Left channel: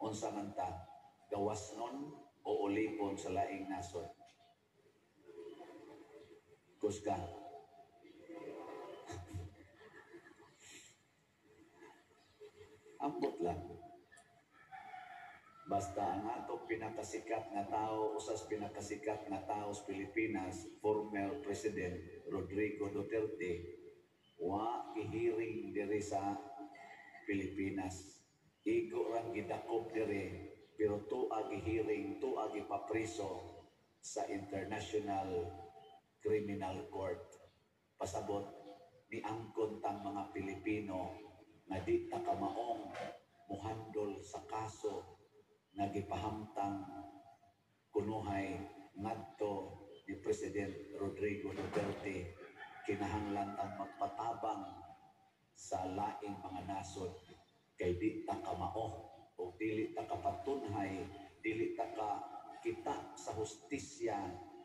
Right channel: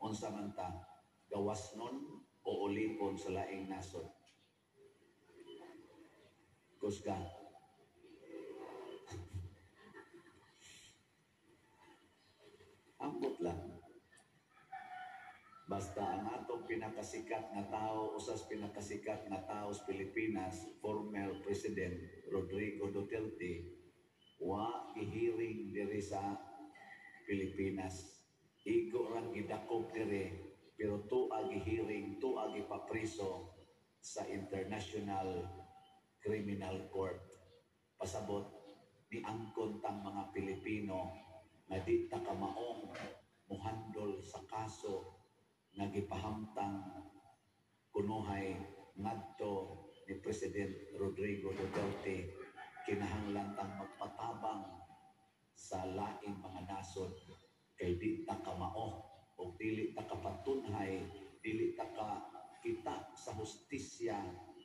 unsa man ta gawasnon o ulipon sa laing nasod. Kusga. Ambot lang. Basta ang atong pinakasikat nga tao, usas pinakasikat nga tao sa Pilipinas, former President Rodrigo Duterte, wa gihiring diri sa Pilipinas. Igo rang gidakop diri, pero tuwa gihiring, tuwa gipapriso sa International Criminal Court. Pasabot ni angkon tang mga Pilipino nga di ta kamaong muhandol sa kaso nga gipahamtang kunuhay ngadto ni President Rodrigo Duterte. Kinahanglan tang magpatabang sa laing mga nasod kay di ta kamao o dili ta kapatunhay, dili ta ka kita sa hustisya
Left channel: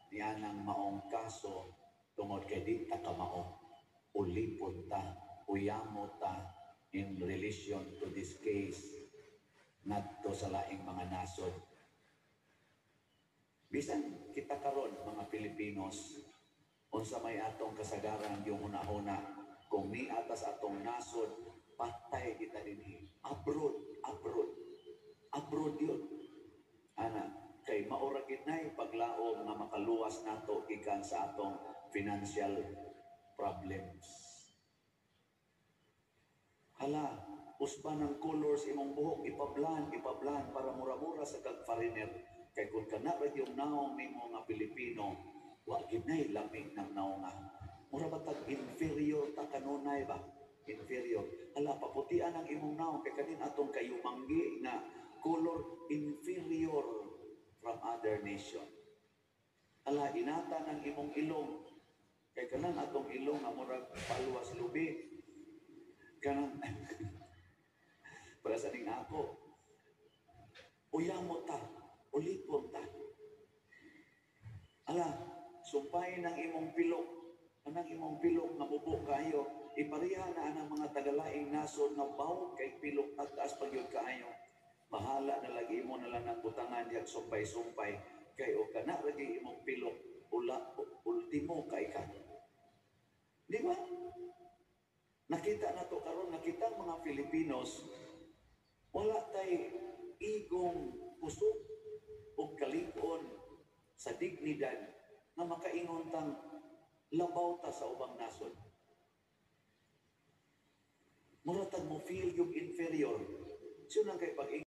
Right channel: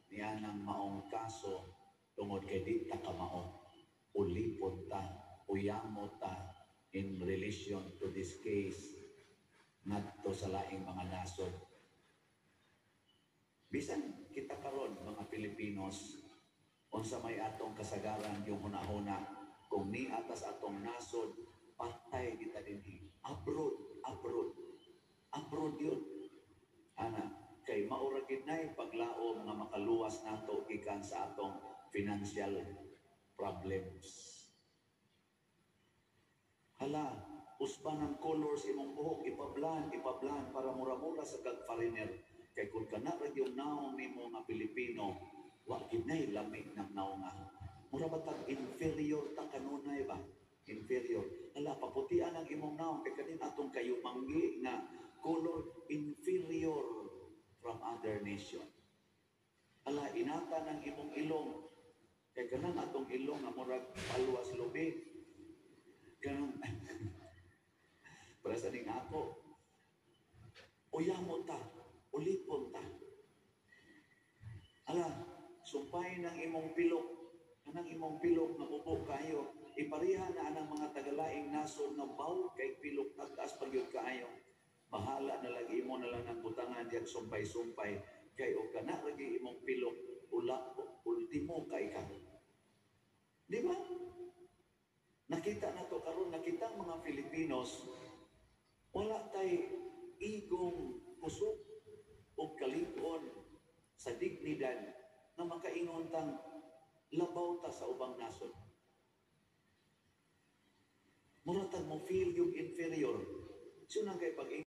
niyanang maong kaso tungod kay di ta kamao. Ulipon ta, uyamo ta in relation to this case ngadto sa laing mga nasod. Bisan kita karon mga Pilipinos, unsa may atong kasagaran yung hunahuna, kung ni atas atong nasod, patay kita dinhi. Abroad yun. Ana, kay maura ginay paglaom nga makaluwas nato gikan sa atong financial problems. Hala, usban ng colors imong buhok ipablan para mura-mura sa kag-foreigner. Kay kung kana ra yung naong nimo nga Pilipino, wa ginay lami ng naonga. Mura ba tag inferior ta kanunay ba? Inferior. Hala, paputian ang imong naong kay kanin atong kayumanggi na color inferior from other nation. Hala, inata ng imong ilong kay kanan atong ilong nga murag paluwas lubi. Kanan para sa ning ako, uyamo ta, ulipon ta. Ala, sumpay ng imong pilok, anang imong pilok nga bubo kayo, ipariha na anang mga tagalaing nasod nga baw kay pilok taas pagyud kaayo. Bahala na lagi mo na lang ng butangan diag sumpay-sumpay kay o kana lagi imong pilok ultimo kay ka. Di ba? Nakita na to karon, nakita mga Filipinos wala tay igong kusog o kalig-on sa dignidad na makaingon tang labaw ta sa ubang nasod. Muratag mo feel yung inferior. So nang kay pag